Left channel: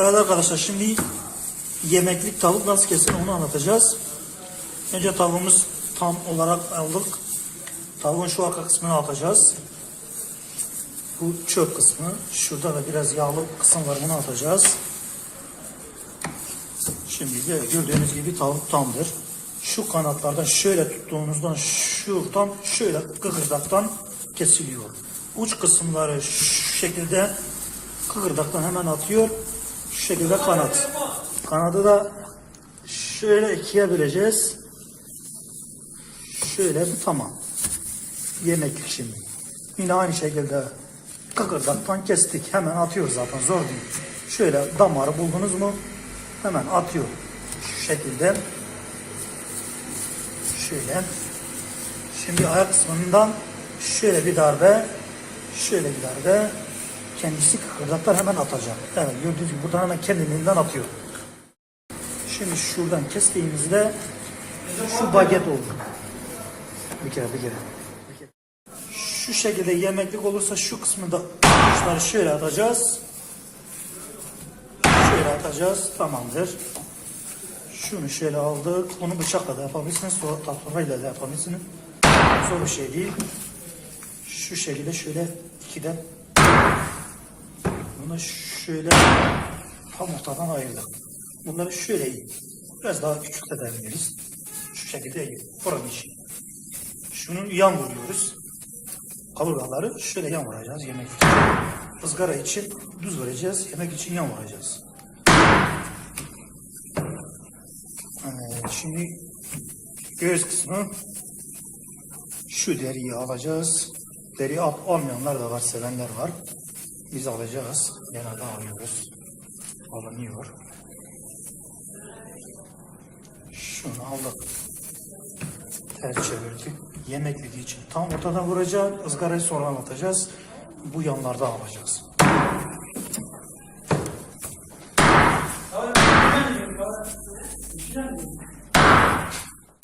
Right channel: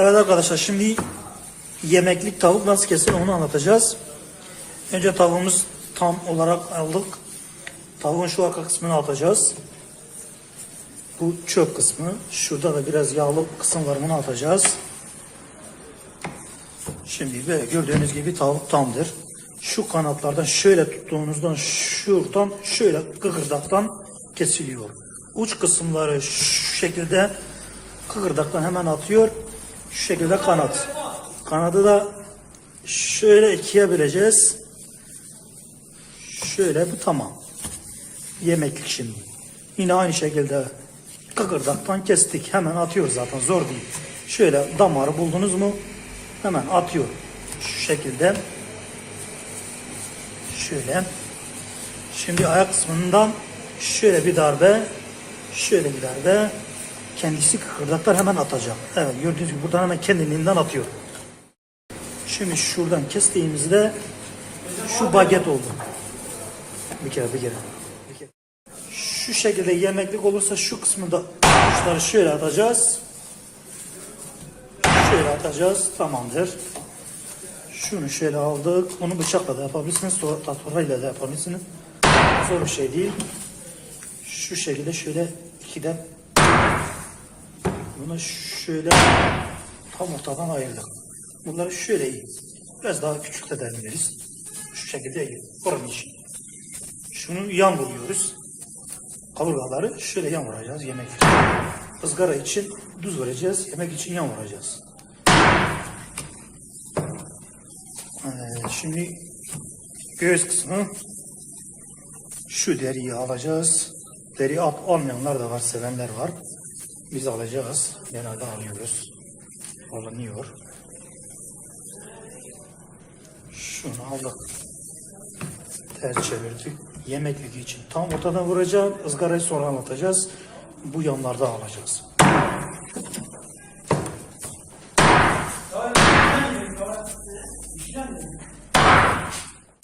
Evet arkadaşlar şimdi yemeklik tavuk nasıl kesilir onu anlatacağız. Önce tavuğumuz tam olarak aldık. Tavuğun şu arka kısmını atacağız. Bu çöp kısmı. Şurada da biraz yağlı kısım var bunu atacağız. Şimdi böyle gördüğünüz gibi tavuk tamdır. Şu kanatlardan şöyle tuttuğumuzdan şuradan şöyle kıkırdaktan kesiliyor. Uç kısımları şu şekilde kıkırdaktan hemen atıyor. Şu şekilde kanat. Kanadı da şöyle ikiye böleceğiz. Şöyle tamam. Yemeklik şimdi. Yine aynı şekilde kıkırdaktan kestik. Hemen atıyor zaten zor değil. Şöyle damarı buldunuz mu hemen atıyor. Şu şekilde. Şöyle. Şimdi ayak kısmından şöyle bir darbe, şöyle bir darbe. Kendisi kıkırdaklar hemen atacak. Evet gördüğünüz gibi buradan hemen kendiliğinden atıyor. Şimdi şuradan kestiğimizde şu baget oldu. Bir kere bir kere. Şu şekilde yemeklik olursa şu kısmında uçları şöyle atacağız. Şöyle atacağız. Tamamdır. Şunu şöyle aldık. Bunu bıçakla da yapabilirsiniz. Tahtarayla da yapabilirsiniz. Zor bir şey değil. Şu şekilde şöyle ikiden bunu şöyle tam ortadan ayırdık. Bunları şöyle. Biraz daha küçük de. Şu şekilde. Fırın işi. Şunu yan vuruyoruz. Kaburgaları şöyle yan vuracağız yemek için. Izgara için düz vereceğiz. Yemek için yan vuracağız. Ee, şimdi göğüs kısmı şu deriyi alacağız. Deri al, almayanlar da var, sevenler var. Biz alacağız. Genelde alıyoruz. Alınıyor. Şunu aldık. Ters çevirdik. Yemeklik için tam ortadan vuracağım. ızgarayı sonra anlatacağız. Bu yanlarda alacağız.